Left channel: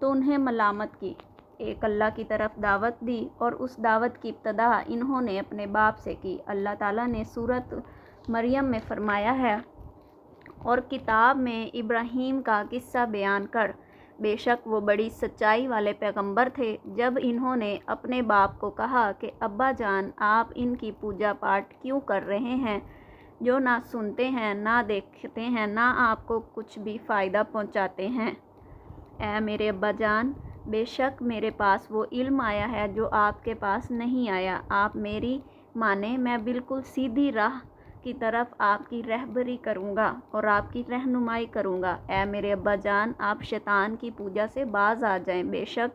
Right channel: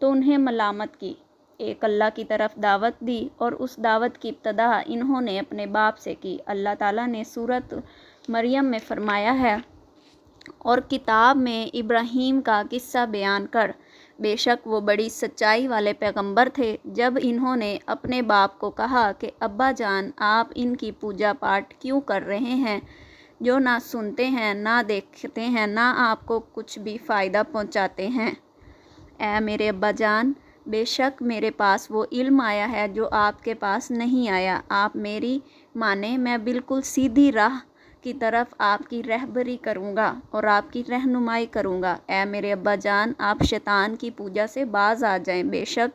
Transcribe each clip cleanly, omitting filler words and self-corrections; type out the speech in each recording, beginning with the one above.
تو انہیں ملامت کی، ایک اللہ کی طرف دعوت دی، اور اس دعوت کی ابتدا انہوں نے اپنے باپ سے کی۔ اللہ تعالیٰ نے سورۃ مریم میں فرمایا ہے، اور کتاب میں ابراہیم کا قصہ بیان کر، بے شک وہ بڑی سچائی والے پیغمبر تھے۔ جب انہوں نے اپنے باپ کو کہا کہ ابا جان، آپ ان کی پوجا پاٹ کیوں کر رہے ہیں جو نہ سنتے ہیں، نہ دیکھتے ہیں، نہ آپ کو کچھ بھی فائدہ پہنچاتے ہیں؟ اے میرے ابا جان، بے شک میرے پاس وہ علم آیا ہے جو آپ کے پاس نہیں آیا۔ آپ میری مانیں، میں بالکل سیدھی راہ کی طرف آپ کی رہبری کروں گا اور آپ کی رہنمائی کروں گا۔ اے میرے ابا جان، آپ شیطان کی پوجا سے باز آ جائیں، بے شک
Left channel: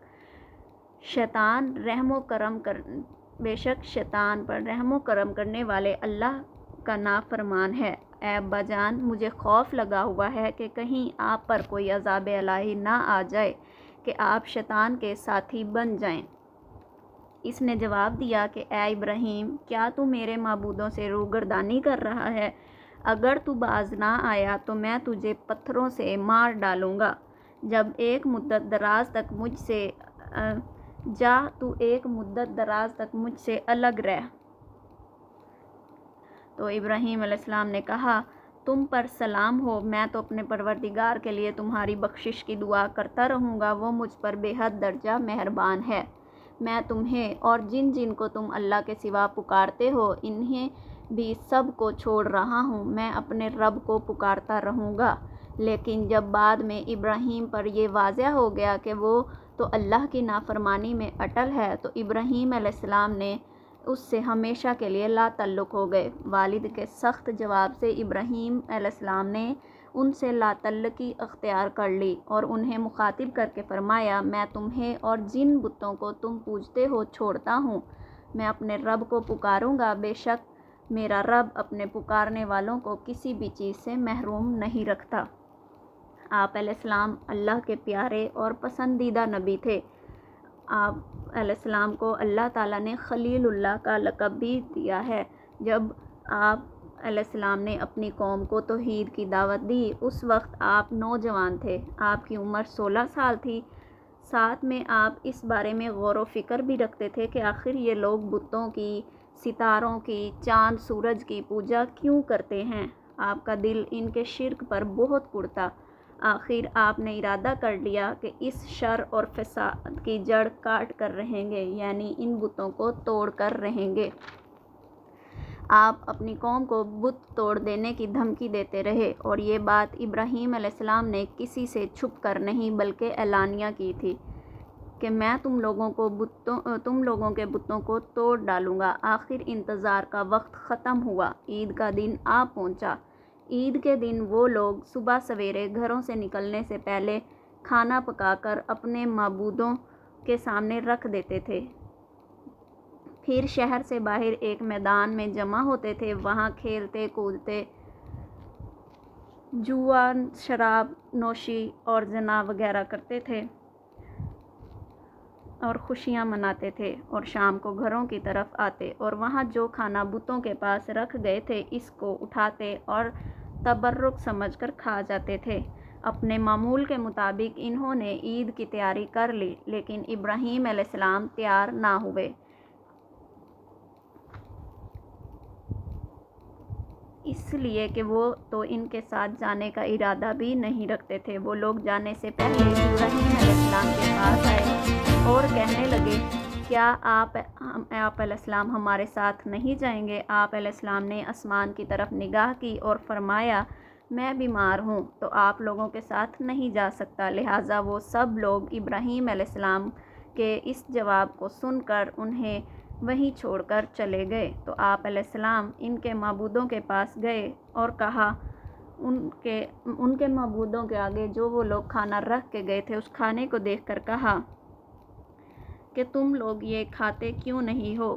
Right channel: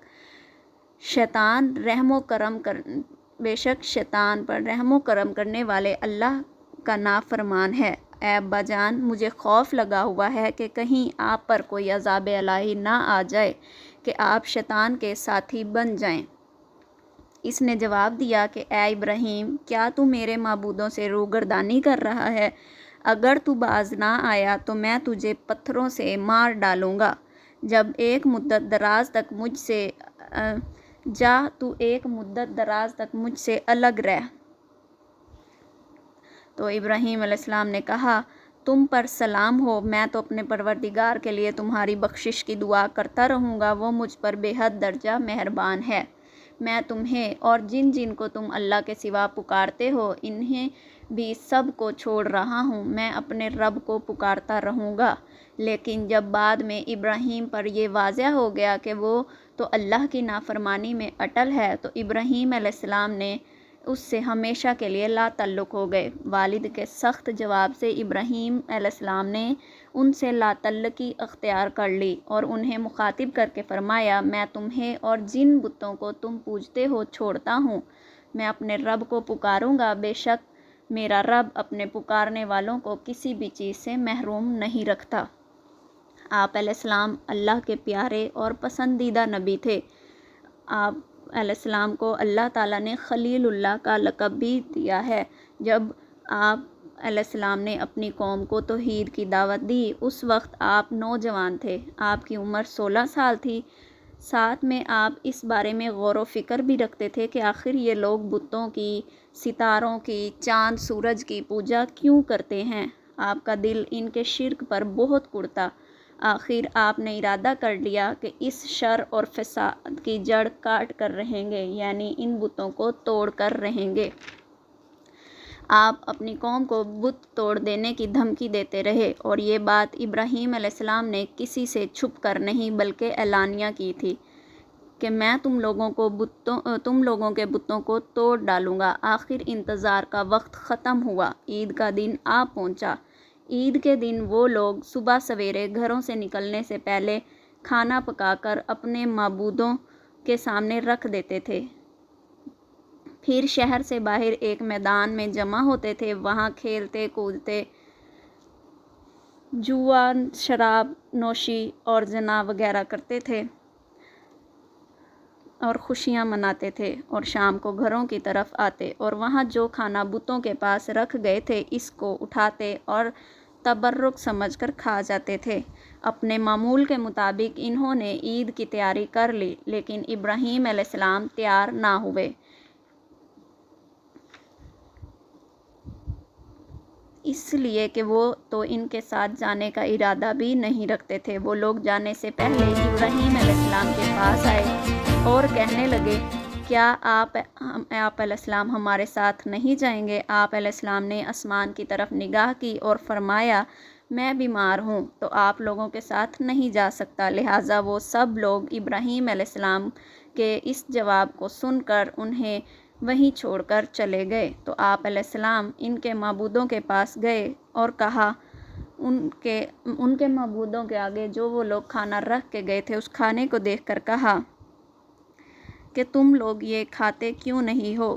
شیطان پر رحم و کرم کرنے والے اللہ کا نافرمان ہے۔ اے ابا جان، مجھے خوف لگا ہوا ہے کہ کہیں آپ پر کوئی عذاب الہی نہ آ جائے کہ آپ شیطان کے ساتھی بن جائیں۔ اس نے جواب دیا کہ اے ابراہیم، کیا تو میرے معبودوں سے روگردانی کر رہا ہے؟ اگر تو باز نہ آیا تو میں تجھے پتھروں سے مار ڈالوں گا۔ تو ایک مدت دراز تک مجھ سے الگ رہ۔ تو ابراہیم علیہ السلام نے کہا، تم پر سلام ہو، میں تو اپنے پروردگار کے لیے تمہاری بخشش کی دعا کرتا رہوں گا، وہ مجھ پر بے حد درجہ مہربان ہے۔ میں تمہیں اور جن جن کو تم اللہ کے سوا پکارتے ہو، انہیں بھی سب کو چھوڑ رہا ہوں، میں اپنے رب کو پکارتا رہوں گا۔ لیکن جب بعد میں ابراہیم پر یہ واضح ہو گیا کہ وہ تو اللہ کی نافرمانی میں اٹل ہے، تو ابراہیم علیہ السلام نے اس سے ہمیشہ کے لیے لا تعلق ہو گئے۔ والد کے سخت جواب سے ابراہیم علیہ السلام نے ان سے لا تعلقی اختیار کر لی اور انہیں مخاطب کر کے فرمایا، میں تمہیں اور جن بتوں کو تم پوجتے ہو چھوڑتا ہوں، میں اپنے رب کو پکاروں گا، بے شک میرا رب اپنے پکارنے والوں کو کسی بھی چیز سے محروم نہیں رکھتا۔ آپ علیہ السلام اللہ کے پیارے اور پسندیدہ نبی تھے۔ آپ علیہ السلام کو اللہ تعالیٰ نے خلیل اللہ کا لقب بھی دیا ہے۔ جب آپ علیہ السلام نے اپنی قوم کو توحید کی دعوت دی، اس وقت آپ نوجوان تھے، آپ کی عمر 16 سال تھی۔ ساتھ میں آپ اس بارے میں غور و فکر بھی رکھتے تھے کہ آخر یہ لوگ بتوں کی، ستاروں کی، چاند سورج کی پوجا کیوں کرتے ہیں۔ آپ کا دل ان کے شرک پر بہت کڑتا۔ آخر آپ نے ارادہ کر لیا کہ اس شر اور فساد کی جڑ کاٹ کر رہیں گے، یعنی ان بتوں کو توڑ کر رہیں گے۔ آپ اپنی قوم کو بت توڑ دینے کی دھمکی دیتے رہے، اور یہ بات ابراہیم علیہ السلام نے کسی سے چھپ کر نہیں بلکہ اعلانیہ کی تھی کہ میں تم لوگوں کے بتوں کو توڑ ڈالوں گا۔ آخر انتظار کا وقت ختم ہوا، عید کا دن آ پہنچا۔ عید کے دن وہ لوگ صبح سویرے گھروں سے نکلنے سے پہلے کھانا پکا کر اپنے معبودوں کے سامنے رکھ دیتے تھے، پھر شہر سے باہر ایک میدان میں جمع ہوتے تھے، وہاں کھیلتے کودتے، جوا، شراب نوشی اور زنا وغیرہ کرتے تھے اور خوشیاں مناتے تھے، اور شام کو گھروں کی طرف آتے اور وہاں جو کھانا بتوں کے پاس رکھ گئے تھے اس کو اٹھاتے اور تبرک سمجھ کر کھا جاتے تھے۔ اپنے معمول کے مطابق انہوں نے عید کی تیاری کر لی، لیکن ابراہیم علیہ السلام تیار نہ ہوئے، اس لیے کہ وہ تو ان کے ساتھ جانے کا ارادہ بھی نہیں رکھتے تھے۔ وہ لوگ جانے سے پہلے ابراہیم علیہ السلام کے پاس آئے اور کہنے لگے، کیا آپ علیہ السلام ہمارے ساتھ نہیں جائیں گے؟ آپ علیہ السلام نے آسمان کی طرف نگاہ کی اور فرمایا، میں بیمار ہوں تو آپ لوگوں کے ساتھ نہیں جا سکتا۔ لہٰذا وہ سب لوگ ابراہیم علیہ السلام کے اس جواب کو سن کر انہیں وہیں چھوڑ کر چلے گئے۔ تو آپ علیہ السلام ان کے معبودوں کے پاس گئے اور کہا، ان کے معبودوں کے آگے جو وہ لوگ کھانا رکھ کے گئے تھے اس کھانے کو دیکھ کر کہا کہ تم لوگ یہ کھاتے کیوں نہیں ہو؟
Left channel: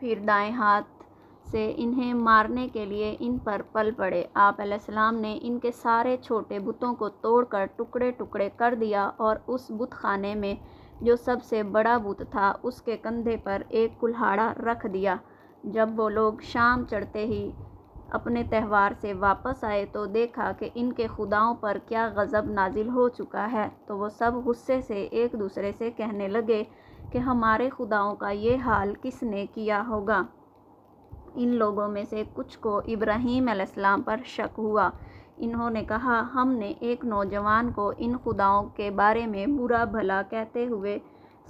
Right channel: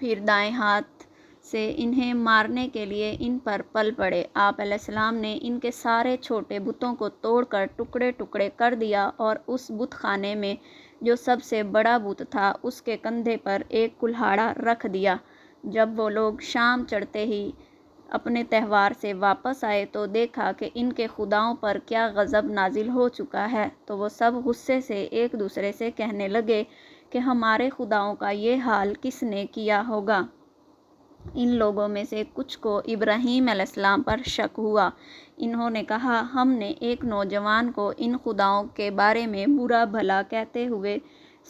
پھر دائیں ہاتھ سے انہیں مارنے کے لیے ان پر پل پڑے۔ آپ علیہ السلام نے ان کے سارے چھوٹے بتوں کو توڑ کر ٹکڑے ٹکڑے کر دیا اور اس بت خانے میں جو سب سے بڑا بت تھا اس کے کندھے پر ایک کلہاڑا رکھ دیا۔ جب وہ لوگ شام چڑھتے ہی اپنے تہوار سے واپس آئے تو دیکھا کہ ان کے خداؤں پر کیا غضب نازل ہو چکا ہے، تو وہ سب غصے سے ایک دوسرے سے کہنے لگے کہ ہمارے خداؤں کا یہ حال کس نے کیا ہوگا۔ ان لوگوں میں سے کچھ کو ابراہیم علیہ السلام پر شک ہوا۔ انہوں نے کہا، ہم نے ایک نوجوان کو ان خداؤں کے بارے میں برا بھلا کہتے ہوئے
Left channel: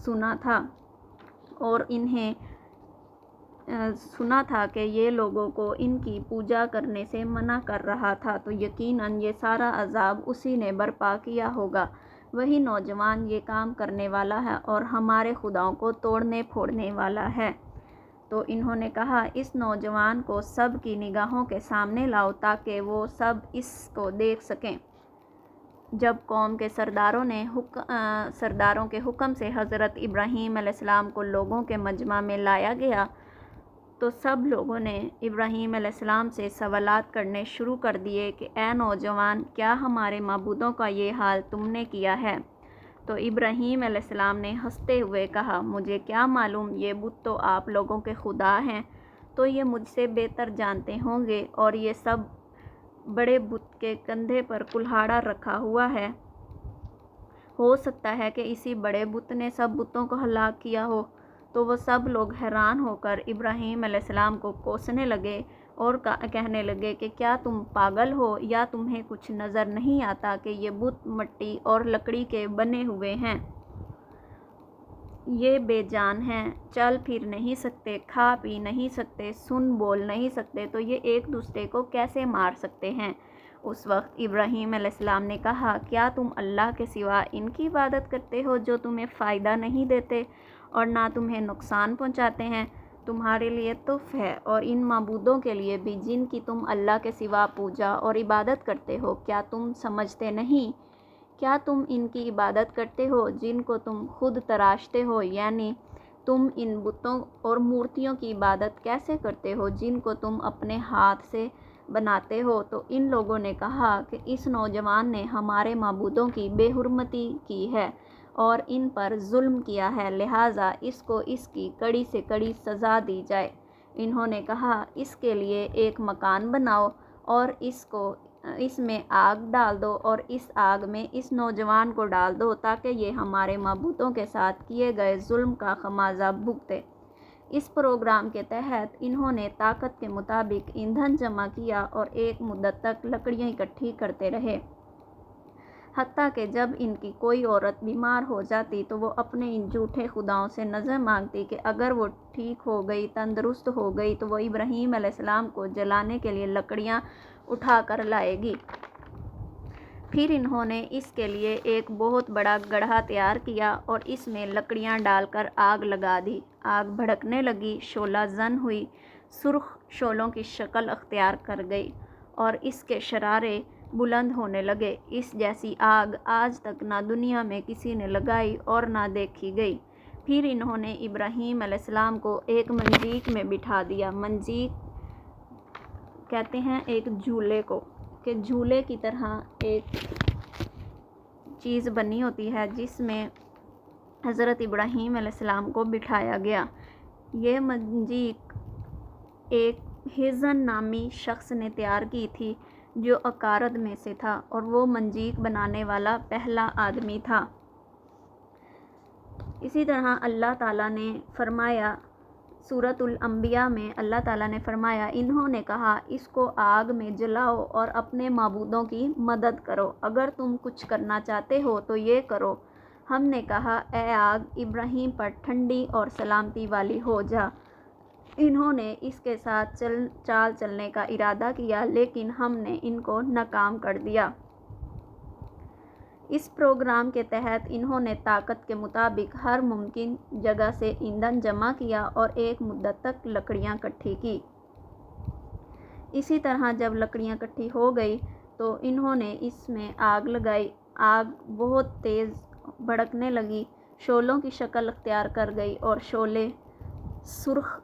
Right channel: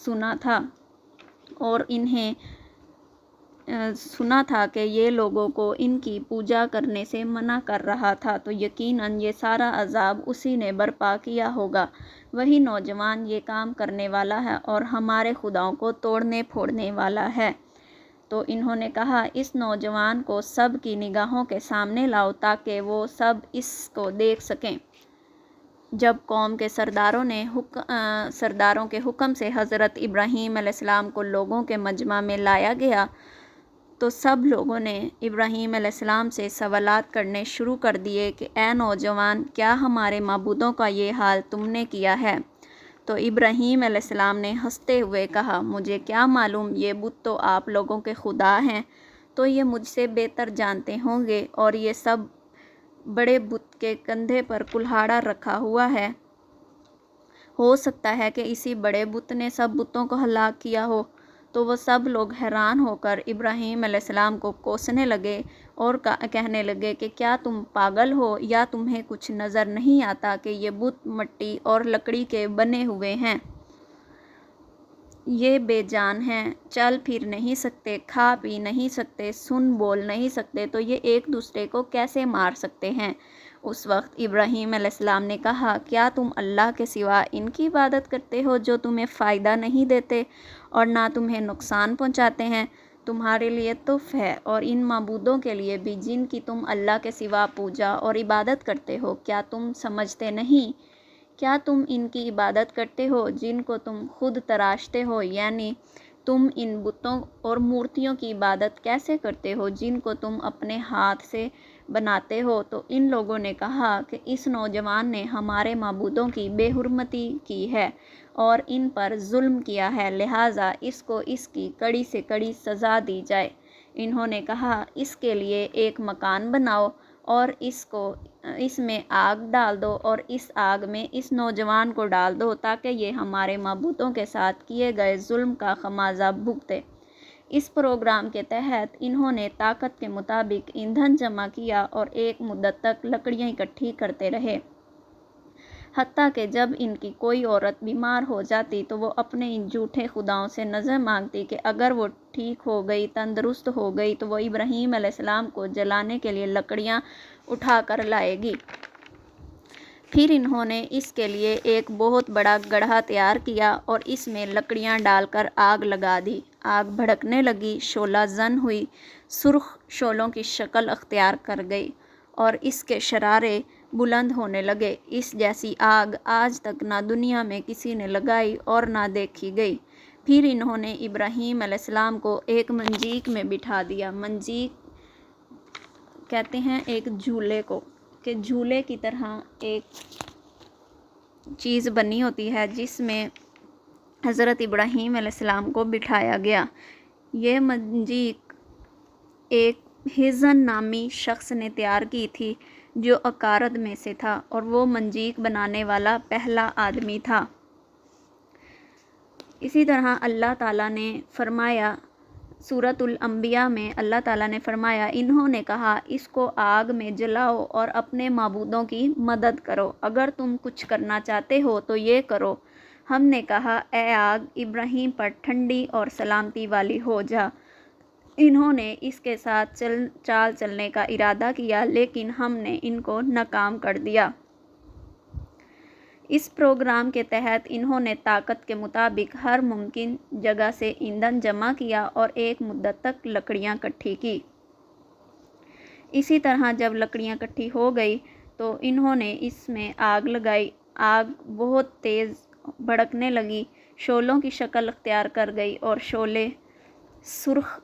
سنا تھا اور انہیں سنا تھا کہ یہ لوگوں کو ان کی پوجا کرنے سے منع کر رہا تھا، تو یقیناً یہ سارا عذاب اسی نے برپا کیا ہوگا۔ وہی نوجوان یہ کام کرنے والا ہے اور ہمارے خداؤں کو توڑنے پھوڑنے والا ہے۔ تو انہوں نے کہا، اس نوجوان کو سب کی نگاہوں کے سامنے لاؤ تاکہ وہ سب اس کو دیکھ سکیں۔ جب قوم کے سرداروں کے حکم سے حضرت ابراہیم علیہ السلام کو لوگوں کے مجمع میں لایا گیا تو سب لوگوں نے ابراہیم علیہ السلام سے سوالات کرنے شروع کر دیے کہ اے نوجوان، کیا ہمارے معبودوں کا یہ حال تم نے کیا ہے؟ تو ابراہیم علیہ السلام نے ہنستے ہوئے کہا، مجھے کیا معلوم، یہ بت تو آپ لوگوں کے خدا ہیں، تو یہ مجھ سے بہتر جانتے ہوں گے، اور یہ سب بڑے بت کے کندھے پر کلہاڑا رکھا ہوا ہے، ہو سکتا ہے کہ اسی بڑے بت نے سب بتوں کو ہلاک کیا ہو۔ تو وہ سب لوگ حیران ہو کر ابراہیم علیہ السلام کو کوسنے لگے اور کہنے لگے کہ کیا تم پاگل ہو یا تمہیں کچھ نظر نہیں آتا کہ یہ بت مٹی اور لکڑی کے بنے ہوئے ہیں، یہ بے جان ہیں، چل پھر نہیں سکتے، کھا پی نہیں سکتے، سن بول نہیں سکتے، تو یہ ایک دوسرے کو کیسے مار سکتے ہیں؟ اس وقت ابراہیم علیہ السلام نے کہا، کیا تم اللہ کے سوا ان کی عبادت کرتے ہو جو تمہیں فائدہ نہیں دیتے اور نہ تمہیں نقصان پہنچاتے ہیں؟ تمہارے لیے تحف ہے اور ان معبودوں کے لیے بھی جن کی تم اللہ کے سوا پوجا اور عبادت کرتے ہو، کیا تم سمجھتے نہیں؟ کیا تم ان کی عبادت کرتے ہو جن کو تم خود تراشتے ہو؟ یعنی تم ان بتوں اور مورتیوں کی عبادت کیسے کرتے ہو جن کو تم اپنے ہاتھ سے بناتے ہو؟ تو ان لوگوں نے کہا کہ اس نوجوان نے ہمارے معبودوں کی بے حرمتی کی ہے اور ان پر ظلم کیا ہے، لہٰذا اس کو اس کی کڑی سے کڑی سزا دی جائے۔ انہوں نے کہا، اس کے لیے ایک مکان بناؤ اور اس میں آگ ڈال دو اور اس آگ میں اس نوجوان کو ڈال دو تاکہ یہ ہمارے معبودوں کے ساتھ کیے گئے ظلم کا خمیازہ بھگتے۔ اس پروگرام کے تحت انہوں نے طاقت کے مطابق ایندھن جمع کیا اور ایک مدت تک لکڑیاں اکٹھی کرتے رہے، حتیٰ کہ جب ان کی کوئی عورت بیمار ہو جاتی تو وہ اپنے ان جھوٹے خداؤں سے نظر مانگتی کہ اگر وہ ٹھیک ہو گئی، تندرست ہو گئی، تو وہ ابراہیم علیہ السلام کو جلانے کے لیے لکڑیاں اٹھا کر لائے گی۔ پھر انہوں نے اس کے لیے ایک بہت بڑا گڑھا تیار کیا اور اس میں لکڑیاں ڈال کر آگ لگا دی۔ آگ بھڑکنے لگی، شعلہ زن ہوئی، سرخ شعلوں کی شکل اختیار کر گئی اور اس کے شرارے بلند ہونے لگے۔ اس جیسی آگ آج تک نہ دنیا میں کسی نے لگائی اور نہ دیکھی گئی۔ پھر انہوں نے ابراہیم علیہ السلام کو ایک منجیک میں بٹھا دیا۔ منجیک کہتے ہیں ایک جھولے کو، کہ جھولے کی طرح ایک چیز بنی ہوتی ہے جس میں حضرت ابراہیم علیہ السلام کو بٹھایا گیا۔ یہ منجیک ایک ہزن نامی شخص نے تیار کی تھی جو اکارد میں سے تھا اور وہ منجیک بنانے والا پہلا آدمی تھا۔ اسی طرح اللہ تعالیٰ نے فرمایا، سورۃ الانبیاء میں اللہ تعالیٰ نے فرمایا، انہوں نے کہا، اس کو آگ میں جلاؤ اور اپنے معبودوں کی مدد کرو، اگر تم کچھ کرنا چاہتے ہو تو یہ کرو۔ ہم نے کہا، اے آگ، ابراہیم پر ٹھنڈی اور سلامتی والی ہو جا۔ انہوں نے اس کے ساتھ چال چلنے کا ارادہ کیا لیکن ہم نے ان کو ناکام کر دیا۔ اس پروگرام کے تحت انہوں نے طاقت کے مطابق ہر ممکن جگہ سے ایندھن جمع کیا اور ایک مدت تک لکڑیاں اکٹھی کی۔ اسی طرح جب لکڑیاں اکٹھی ہو گئی تو انہوں نے اس میں آگ لگائی۔ آگ بہت تیز بھڑکنے لگی، شعلوں کی شکل اختیار کر گئی اور شعلے سرخ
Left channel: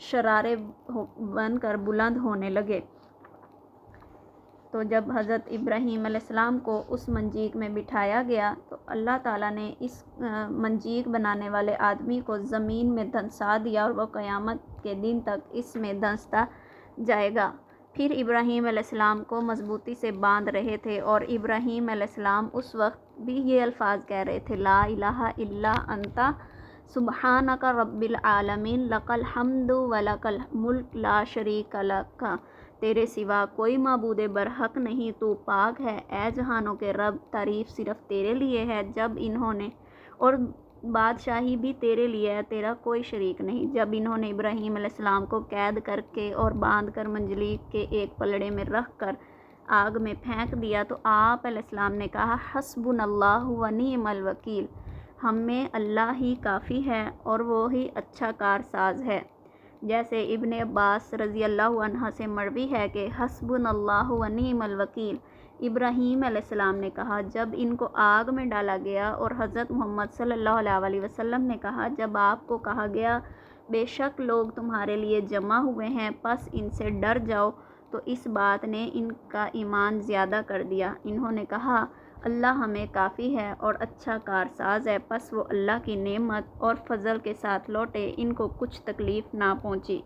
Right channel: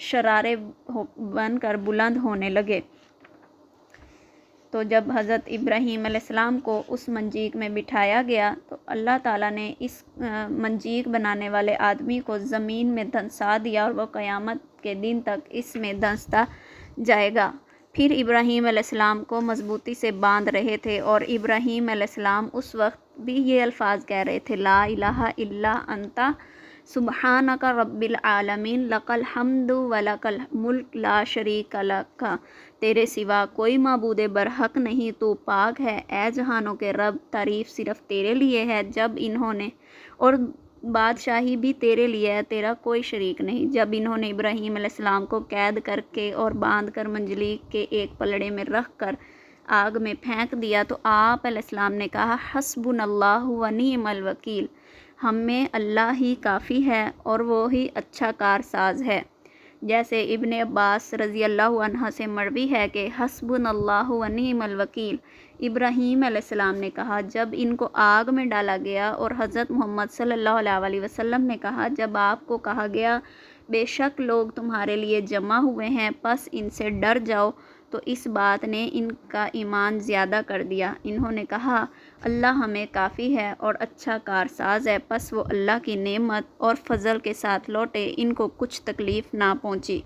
شرارے بن کر بلند ہونے لگے۔ تو جب حضرت ابراہیم علیہ السلام کو اس منجیک میں بٹھایا گیا تو اللہ تعالیٰ نے اس منجیک بنانے والے آدمی کو زمین میں دھنسا دیا اور وہ قیامت کے دن تک اس میں دھنستا جائے گا۔ پھر ابراہیم علیہ السلام کو مضبوطی سے باندھ رہے تھے، اور ابراہیم علیہ السلام اس وقت بھی یہ الفاظ کہہ رہے تھے، لا الہ الا انت سبحانک رب العالمین لک الحمد ولک الملک لا شریک لک، تیرے سوا کوئی معبود برحق نہیں، تو پاک ہے اے جہانوں کے رب، تعریف صرف تیرے لیے ہے، جب انہوں نے اور بادشاہی بھی تیرے لیے ہے، تیرا کوئی شریک نہیں۔ جب انہوں نے ابراہیم علیہ السلام کو قید کر کے اور باندھ کر منجلک کے ایک پلڑے میں رکھ کر آگ میں پھینک دیا تو آپ علیہ السلام نے کہا، حسبنا اللہ و نعم الوکیل، ہمیں اللہ ہی کافی ہے اور وہی اچھا کارساز ہے۔ جیسے ابن عباس رضی اللہ عنہ سے مروی ہے کہ حسبنا اللہ و نعم الوکیل، ابراہیم علیہ السلام نے کہا جب ان کو آگ میں ڈالا گیا، اور حضرت محمد صلی اللہ علیہ وسلم نے کہا جب آپ کو کہا گیا بے شک لوگ تمہارے لیے جمع ہوئے ہیں، پس ان سے ڈر جاؤ، تو اس بات نے ان کا ایمان زیادہ کر دیا۔ انہوں نے کہا اللہ ہمیں کافی ہے اور اچھا کارساز ہے، پس وہ اللہ کی نعمت اور فضل کے ساتھ لوٹے، ان کو کچھ تکلیف نہ پہنچی۔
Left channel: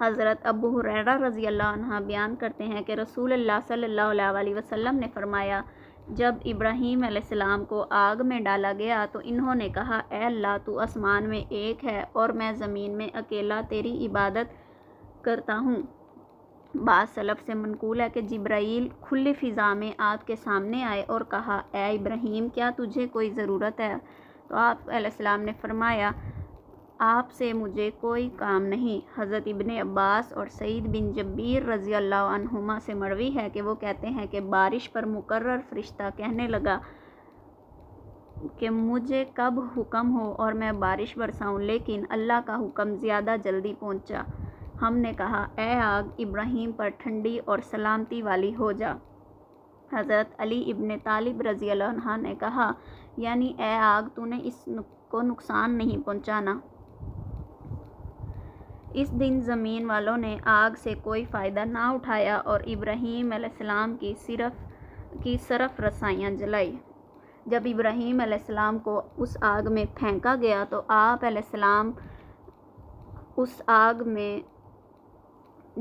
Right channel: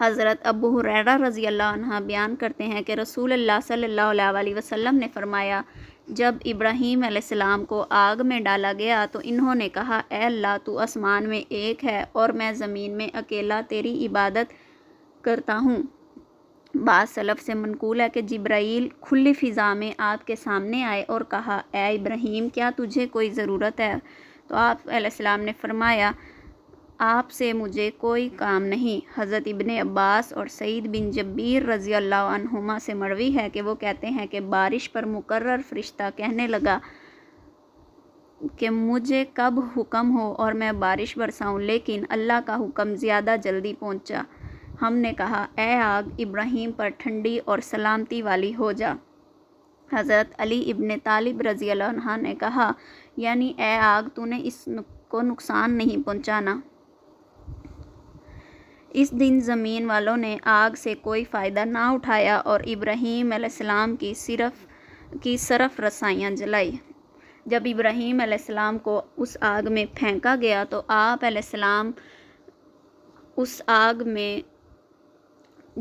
حضرت ابو ہریرہ رضی اللہ عنہ بیان کرتے ہیں کہ رسول اللہ صلی اللہ علیہ وسلم نے فرمایا، جب ابراہیم علیہ السلام کو آگ میں ڈالا گیا تو انہوں نے کہا، اے اللہ تو آسمان میں ایک ہے اور میں زمین میں اکیلا تیری عبادت کرتا ہوں۔ بعض سلف سے منقول ہے کہ جبرائیل کھلی فضا میں آپ کے سامنے آئے اور کہا، اے ابراہیم کیا تجھے کوئی ضرورت ہے؟ تو آپ علیہ السلام نے فرمایا، آپ سے مجھے کوئی کام نہیں۔ حضرت ابن عباس اور سعید بن جبیر رضی اللہ عنہما سے مروی ہے کہ وہ کہتے ہیں کہ بارش پر مقرر فرشتہ کہنے لگا کہ مجھے کب حکم ہو اور میں بارش برساؤں، لیکن اللہ کا حکم زیادہ جلدی پہنچا۔ ہم نے کہا، اے آگ ابراہیم پر ٹھنڈی اور سلامتی والی ہو جا۔ حضرت علی ابن طالب رضی اللہ عنہ نے کہا، یعنی اے آگ تو نے اس کو نقصان نہیں پہنچانا۔ اس دن زمین والوں نے آگ سے کوئی فائدہ نہ اٹھایا اور ابراہیم علیہ السلام کی صرف رسائیاں جلائی۔ جب ابراہیم علیہ السلام کو اس آگ میں پھینکا گیا تو آپ علیہ السلام اس آگ میں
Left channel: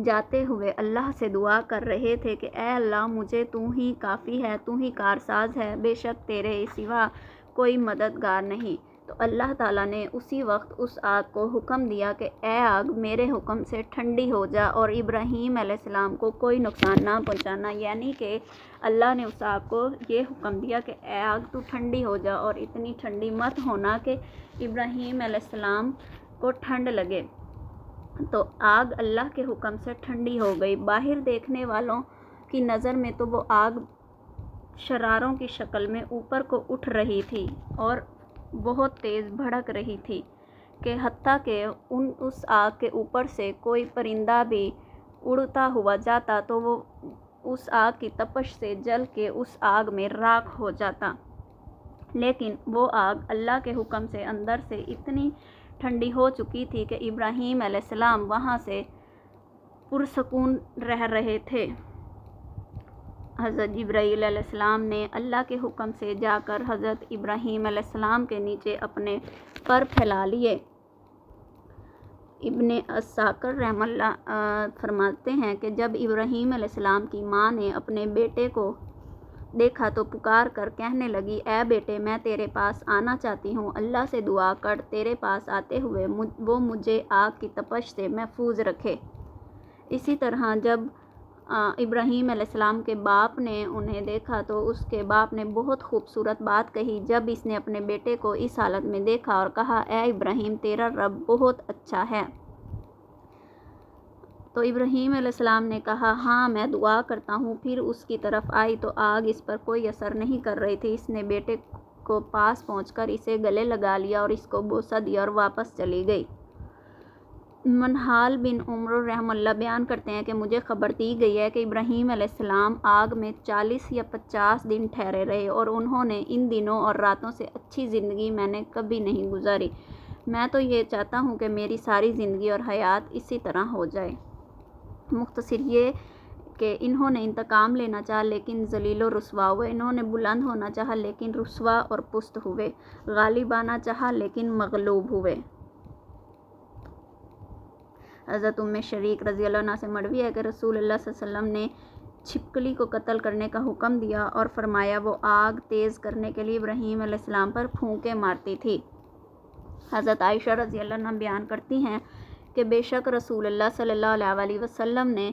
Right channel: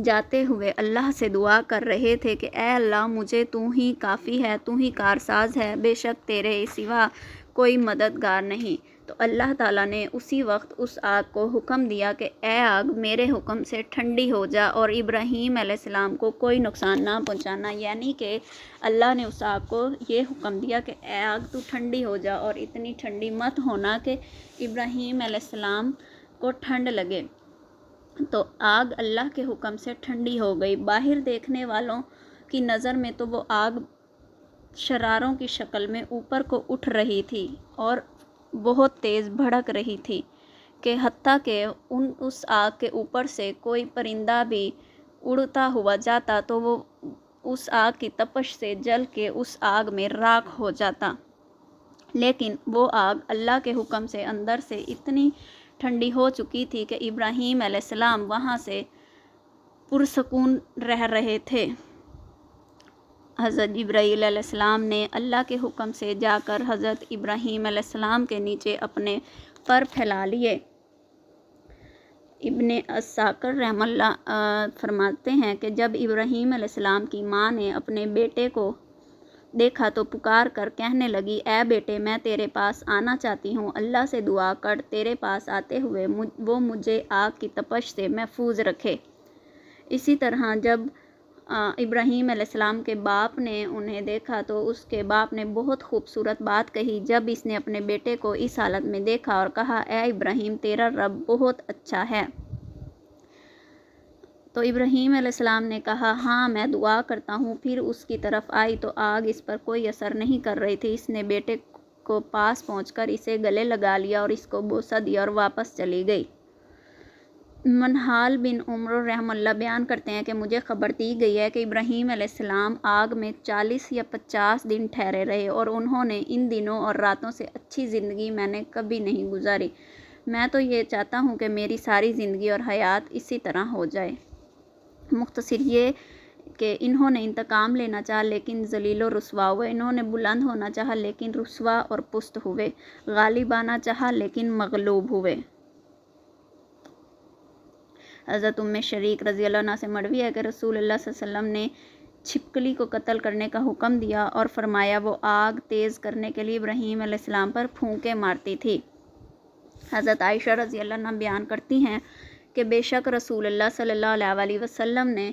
جاتے ہوئے اللہ سے دعا کر رہے تھے کہ اے اللہ مجھے تو ہی کافی ہے، تو ہی کارساز ہے، بے شک تیرے سوا کوئی مددگار نہیں۔ تو اللہ تعالیٰ نے اسی وقت اس آگ کو حکم دیا کہ اے آگ میرے حکم سے ٹھنڈی ہو جا اور ابراہیم علیہ السلام کو کوئی نقصان نہ پہنچانا، یعنی کہ اللہ نے اس آگ کو یہ حکم دیا کہ اے آگ تو ٹھنڈی ہو جا اور اتنی ٹھنڈی مت ہونا کہ ابراہیم علیہ السلام کو ٹھنڈ لگے۔ تو آگ اللہ کے حکم سے ٹھنڈی ہو گئی۔ باہر دیکھنے والوں کی نظر میں تو وہ آگ شراروں کی شکل میں اوپر کو اٹھ رہی تھی اور بہت تیز بھڑک رہی تھی کہ حتیٰ کہ اس آگ کے اوپر سے کوئی پرندہ بھی اڑتا ہوا جاتا تو وہ اس آگ کی تپش سے جل کے اس آگ میں راکھ ہو جاتا، لیکن وہ آگ اللہ کے حکم سے اندر سے اتنی ٹھنڈی ہو چکی تھی کہ ابراہیم علیہ السلام وہاں سے پرسکون رہ رہے تھے۔ حضرت جبرائیل علیہ السلام نے اللہ کے حکم سے جا کر حضرت ابراہیم علیہ السلام کے نیچے اپنے پر پھیلا لیے۔ ابن عساکر رحمہ اللہ فرماتے ہیں کہ جب ابراہیم علیہ السلام کی ماں نے اپنے بیٹے کو دیکھا تو پکار کر کہنے لگی، اے بیٹے میں تیرے پاس آنا چاہتی ہوں، اللہ سے دعا کر تیرے پاس آتے ہوئے وہ مجھے آگ کی تپش سے محفوظ رکھے۔ اسی طرح جب ابراہیم علیہ السلام کے باپ نے انہیں دیکھا تو اس کے باپ نے بہت خوبصورت بات کہی جب اس نے اپنے بیٹے کو اس حالت میں دیکھا اور کہا، اے ابراہیم تیرا رب بہت اچھا ہے۔ تو ابراہیم علیہ السلام نے کہا، ہاں میں دعا کرتا ہوں۔ پھر اس کی طرف آئی تو آگ اس پر کوئی اثر نہیں کر رہی تھی۔ اس نے بیٹے کو پاس پہنچ کر اسے گلے لگا لیا اور اس کو بوسہ دیا اور واپس چلی گئی۔ منہال بن عمر رحمہ اللہ بیان کرتے ہیں کہ مجھے خبر دی گئی ہے کہ ابراہیم علیہ السلام آگ میں 40 یا 50 دن ٹھہرے رہے اور انہوں نے ان دنوں اور راتوں سے اچھی زندگی میں نے کبھی نہیں گزاری۔ میں تو یہ چاہتا ہوں کہ میری ساری زندگی اور حیات اسی طرح ہو جائے۔ مختصر یہ کہ انہوں نے انتقام لینا چاہا لیکن ذلیل و رسوا ہوئے، انہوں نے بلند ہونا چاہا لیکن رسوا اور پست ہوئے، غالب آنا چاہا لیکن مغلوب ہوئے۔ حضرت شریک رضی اللہ عنہ سے مروی ہے کہ رسول اللہ صلی اللہ علیہ وسلم نے چھپکلی کو قتل کرنے کا حکم دیا اور فرمایا وہ آگ تیز کرنے کے لیے ابراہیم علیہ السلام پر پھونکے مارتی تھی۔ حضرت عائشہ رضی اللہ عنہ بیان کرتی ہیں کہ بے شک رسول اللہ صلی اللہ علیہ وسلم نے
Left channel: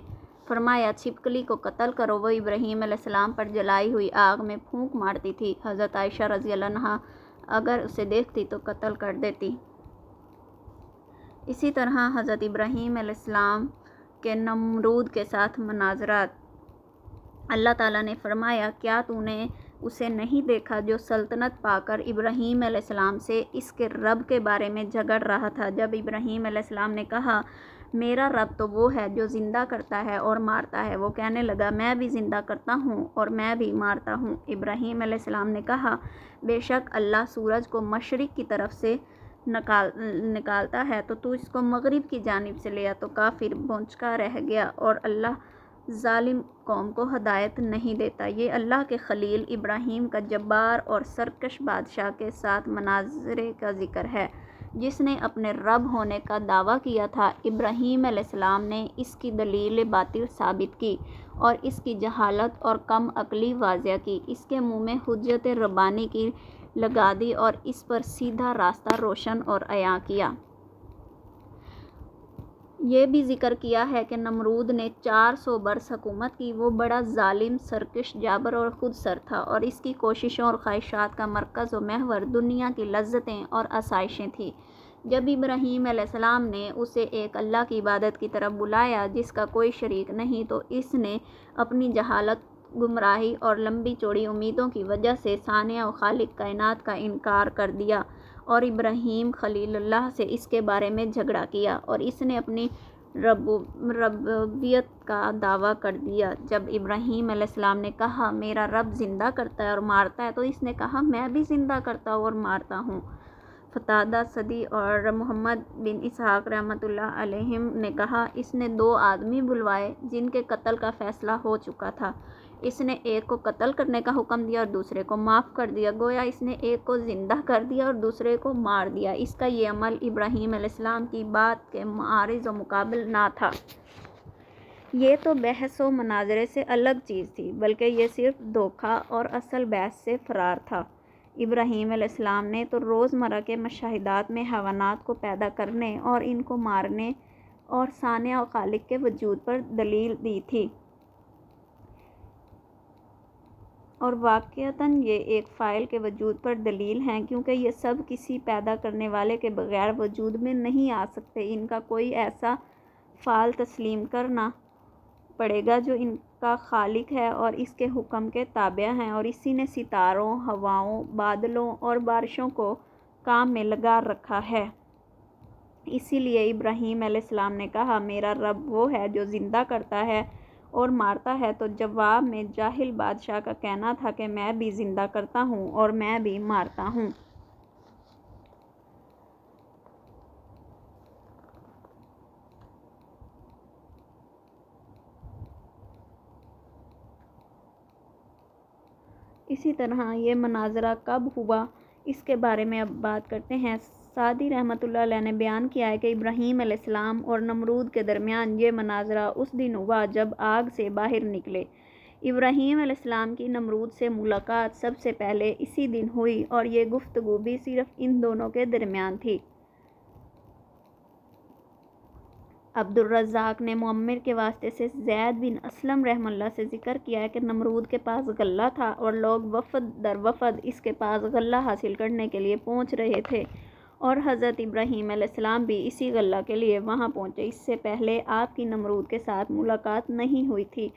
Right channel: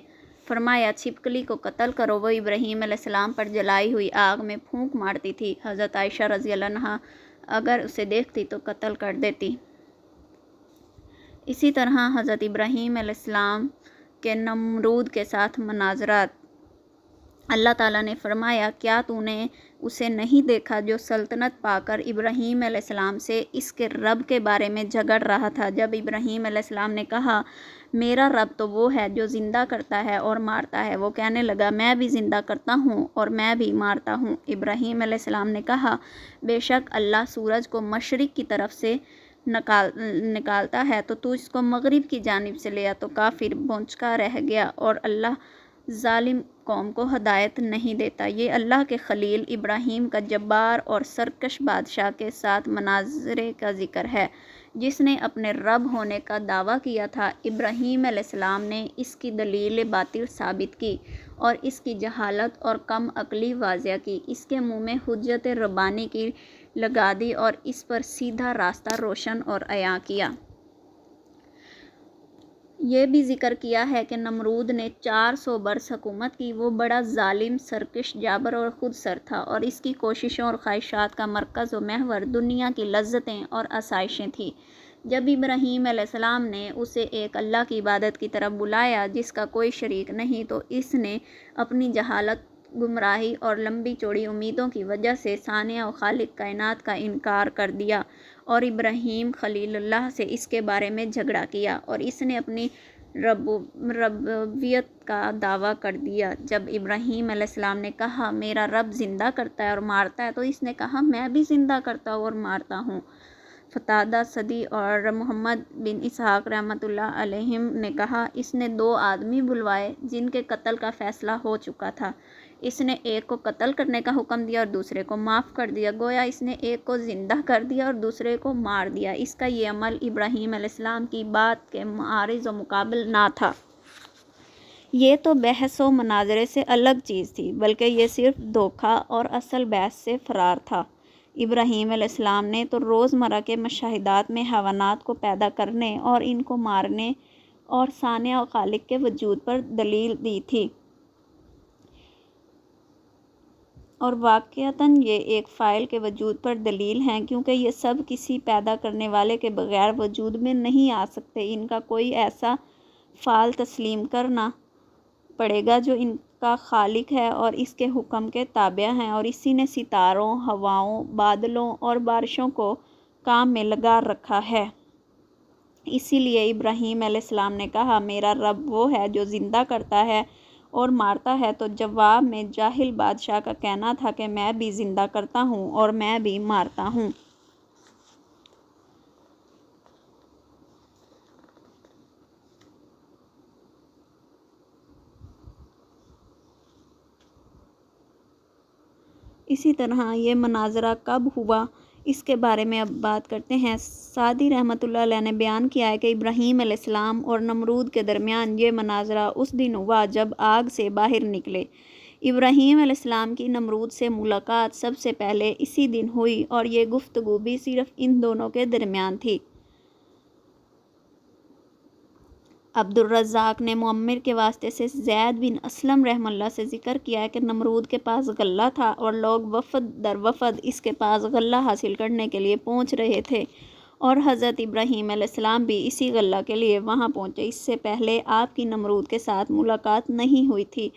فرمایا چھپکلی کو قتل کرو، وہ ابراہیم علیہ السلام پر جلائی ہوئی آگ میں پھونک مارتی تھی۔ حضرت عائشہ رضی اللہ عنہ اگر اسے دیکھتی تو قتل کر دیتی۔ اسی طرح حضرت ابراہیم علیہ السلام کے نمرود کے ساتھ مناظرات۔ اللہ تعالیٰ نے فرمایا کیا تو نے اسے نہیں دیکھا جو سلطنت پا کر ابراہیم علیہ السلام سے اس کے رب کے بارے میں جھگڑ رہا تھا؟ جب ابراہیم علیہ السلام نے کہا میرا رب تو وہ ہے جو زندہ کرتا ہے اور مارتا ہے، وہ کہنے لگا میں بھی زندہ کرتا ہوں اور میں بھی مارتا ہوں۔ ابراہیم علیہ السلام نے کہا بے شک اللہ سورج کو مشرق کی طرف سے نکالتا ہے تو اس کو مغرب کی جانب سے لیا تو کافر بھونچکا رہ گیا، اور اللہ ظالم قوم کو ہدایت نہیں دیتا۔ یہ اللہ کے خلیل ابراہیم کا جبار اور سرکش بادشاہ کے ساتھ مناظرے کا ذکر ہے جس نے اپنے رب ہونے کا دعویٰ کیا تھا۔ ابراہیم علیہ السلام نے اس کی دلیل باطل ثابت کی اور اس کی جہالت اور کم عقلی واضح کی، اس کے منہ میں حجت ربانی کی لگا دی اور اس پر سیدھا راستہ روشن اور عیاں کیا۔ یہ بھی ذکر کیا ہے کہ نمرود نے 400 برس حکومت کی، وہ بڑا ظالم، سرکش، جابر اور خود سر تھا، اور اس کی کوششوں اور خواہشات کا مرکز و محور دنیا کی لذتیں اور آسائشیں تھیں۔ جب ابراہیم علیہ السلام نے اسے ایک اللہ کی عبادت کی طرف بلایا جس کا کوئی شریک نہیں، تو اس نے اپنی جہالت، گمراہی اور لمبی چوڑی امیدوں کی وجہ سے صانع و خالق کائنات کا انکار کر دیا، اور ابراہیم خلیل اللہ سے اس کے بارے میں جھگڑا کیا، اور اس نے اپنی ربوبیت کا دعویٰ کر دیا۔ جب ابراہیم علیہ السلام نے کہا میرا رب زندہ کرتا ہے اور مارتا ہے تو اس نے کہا میں بھی زندہ کرتا ہوں اور مارتا ہوں۔ قتادہ سدی اور محمد بن اسحاق رحمۃ اللہ علیہم نے کہا اس نے 2 آدمی بلوائے جن کے قتل کا فیصلہ ہو چکا تھا، اس نے ایک کو قتل کرنے کا حکم دیا اور دوسرے کو معاف کر دیا، گویا اس نے ایک کو زندہ کر دیا اور دوسرے کو مار دیا۔ اس کا یہ عمل ابراہیم علیہ السلام کی بات کے معارض و مقابل نہ تھا۔ یہ تو بحث و مناظرے سے الگ چیز تھی، بلکہ یہ صرف دھوکہ اور اصل بحث سے فرار تھا۔ ابراہیم علیہ السلام نے تو روزمرہ کے مشاہدات میں حیوانات کو پیدا کرنے اور ان کو مارنے اور صانع و خالق کے وجود پر دلیل دی تھی، اور واقعتاً یہ ایک فاعل کے وجود پر دلیل ہیں، کیونکہ یہ سب کسی پیدا کرنے والے کے بغیر وجود میں نہیں آ سکتے۔ ان کا کوئی ایسا فعل تسلیم کرنا پڑے گا جو ان کا خالق ہے اور اس کے حکم کے تابع ہیں، اور اسی نے ستاروں، ہواؤں، بادلوں اور بارشوں کو کام میں لگا رکھا ہے۔ اسی لیے ابراہیم علیہ السلام نے کہا میرا رب وہ ہے جو زندہ کرتا ہے اور مارتا ہے، تو جواب میں جاہل بادشاہ کا کہنا تھا کہ میں بھی زندہ کرتا ہوں اور میں بھی مارتا ہوں۔ اسی طرح یہ مناظرہ کب ہوا اس کے بارے میں اب بات کرتے ہیں۔ سعدی رحمۃ اللہ علیہ نے بیان کیا ہے کہ ابراہیم علیہ السلام اور نمرود کے درمیان یہ مناظرہ اس دن ہوا جب آگ سے باہر نکلے۔ ابراہیم علیہ السلام کی نمرود سے ملاقات سب سے پہلے اسی دن ہوئی، اور یہ گفتگو بھی صرف ان دونوں کے درمیان تھی۔ عبدالرزاق نے معمر کے واسطے سے زید بن اسلم رحمہ اللہ سے ذکر کیا ہے کہ نمرود کے پاس غلہ تھا اور لوگ وفد در وفد اس کے پاس غلہ حاصل کرنے کے لیے پہنچ رہے تھے، اور حضرت ابراہیم علیہ السلام بھی اسی غلہ کے لیے وہاں پہنچے۔ اس سے پہلے آپ کی نمرود کے ساتھ ملاقات نہیں ہوئی تھی۔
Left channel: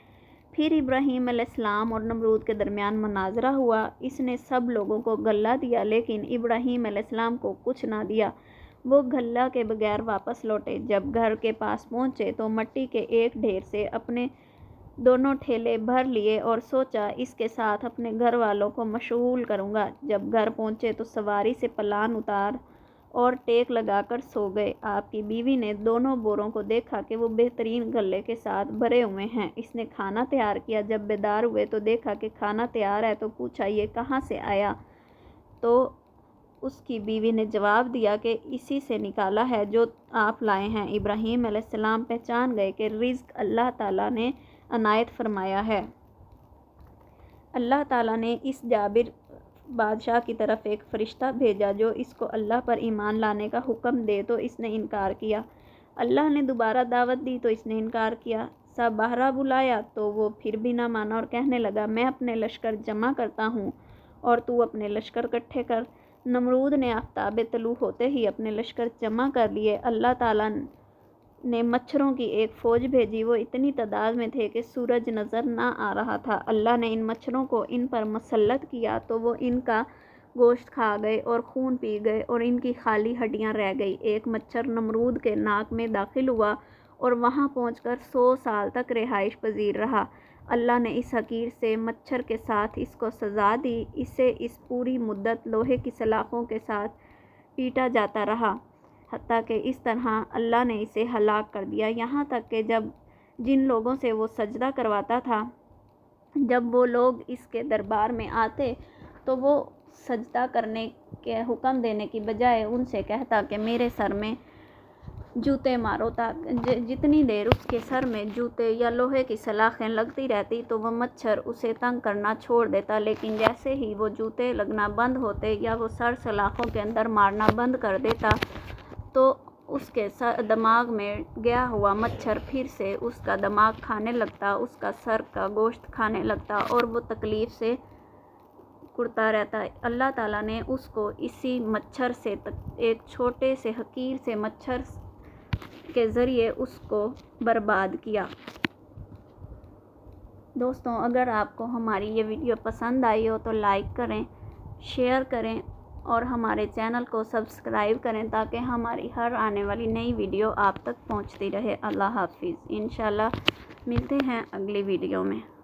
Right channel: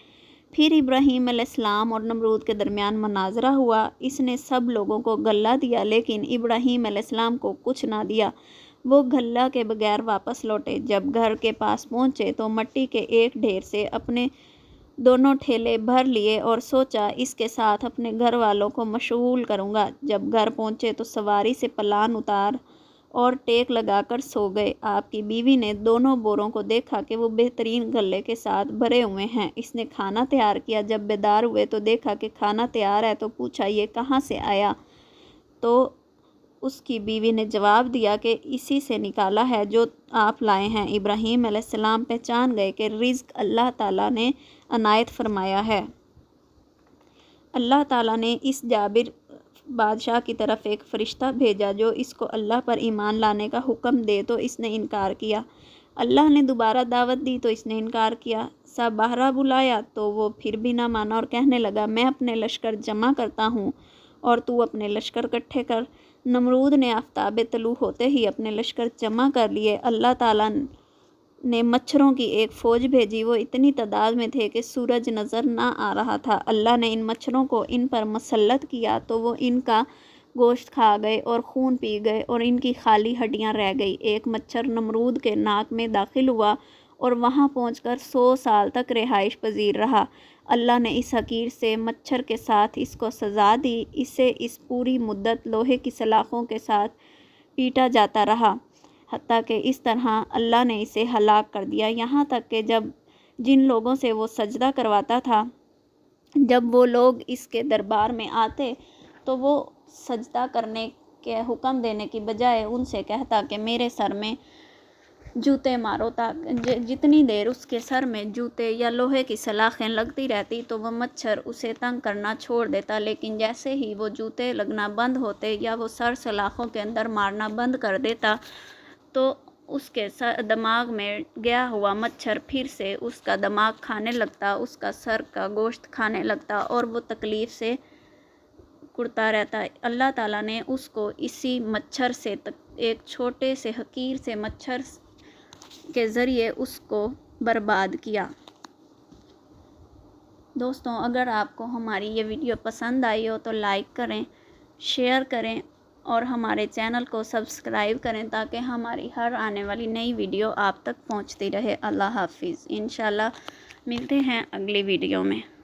پھر ابراہیم علیہ السلام اور نمرود کے درمیان مناظرہ ہوا۔ اس نے سب لوگوں کو غلہ دیا لیکن ابراہیم علیہ السلام کو کچھ نہ دیا، وہ غلہ کے بغیر واپس لوٹے۔ جب گھر کے پاس پہنچے تو مٹی کے ایک ڈھیر سے اپنے 2 ٹھیلے بھر لیے اور سوچا اس کے ساتھ اپنے گھر والوں کو مشغول کروں گا۔ جب گھر پہنچے تو سواری سے پلان اتار اور ٹیک لگا کر سو گئے۔ آپ کی بیوی نے دونوں بوروں کو دیکھا کہ وہ بہترین غلے کے ساتھ بھرے ہوئے ہیں۔ اس نے کھانا تیار کیا۔ جب بیدار ہوئے تو دیکھا کہ کھانا تیار ہے تو پوچھا یہ کہاں سے آیا؟ تو اس کی بیوی نے جواب دیا کہ اسی سے نکالا ہے جو آپ لائے ہیں۔ ابراہیم علیہ السلام پہچان گئے کہ رزق اللہ تعالیٰ نے عنایت فرمایا ہے۔ اللہ تعالیٰ نے اس جابر بادشاہ کی طرف ایک فرشتہ بھیجا جو اس کو اللہ پر ایمان لانے کا حکم دے تو اس نے انکار کیا۔ اللہ نے دوبارہ دعوت دی تو اس نے انکار کیا۔ سب بہرا بلایا تو وہ پھر بھی نہ مانا اور کہنے لگا میں اپنے لشکر جمع کرتا ہوں اور تو اپنے لشکر اکٹھے کر۔ نمرود نے آفتاب طلوع ہوتے ہی اپنے لشکر جمع کر لیے۔ اللہ تعالیٰ نے مچھروں کی ایک فوج بھیجی، وہ اتنی تعداد میں تھے کہ سورج نظر نہ آ رہا تھا۔ اللہ نے ان مچھروں کو ان پر مسلط کیا تو وہ ان کا گوشت کھا گئے اور خون پی گئے اور ان کی خالی ہڈیاں رہ گئی۔ ایک مچھر نمرود کے ناک میں داخل ہوا اور وہاں پہنچ کر 100 سال تک رہائش پذیر رہا۔ اللہ نے اس حقیر سے مچھر کے ساتھ اس کو سزا دی، اسے اس پوری مدت لوہے کی سلاخوں کے ساتھ پیٹا جاتا رہا، حتیٰ کہ اس طرح اللہ نے اسے ہلاک کر دیا، یہاں تک کہ جن لوگوں سے وہ سجدہ کرواتا تھا، جب وہ لوگ اس کے دربار میں آتے تو وہ سجدہ کرنے کے حکم دینے کی بجائے ان سے کہتا کہ میرے سر میں جوتے مارو، جتنی دیر اس کے سر میں جوتے یا لوہے کی سلاخیں لگتی رہتی تو وہ مچھر اسے تنگ کرنا چھوڑ دیتا، لیکن جیسے ہی وہ جوتے لگنا بند ہوتے یا وہ سر سلاخوں کے اندر مارنا بند کر دیتا تو اس کے دماغ میں گیا ہوا مچھر پھر سے اس کا دماغ کھانے لگتا، اس کا سر کا گوشت کھانے لگتا اور وہ تکلیف سے کڑتا رہتا۔ اللہ تعالیٰ نے اس کو اسی مچھر سے ایک چھوٹے سے حقیر سے مچھر کے ذریعے اس کو برباد کیا۔ دوستوں، اگر آپ کو ہماری یہ ویڈیو پسند آئی ہو تو لائک کریں، شیئر کریں اور ہمارے چینل کو سبسکرائب کریں تاکہ ہماری ہر آنے والی نئی ویڈیو آپ تک پہنچتی رہے۔ اللہ حافظ۔ انشاءاللہ ملتے ہیں اگلی ویڈیو میں۔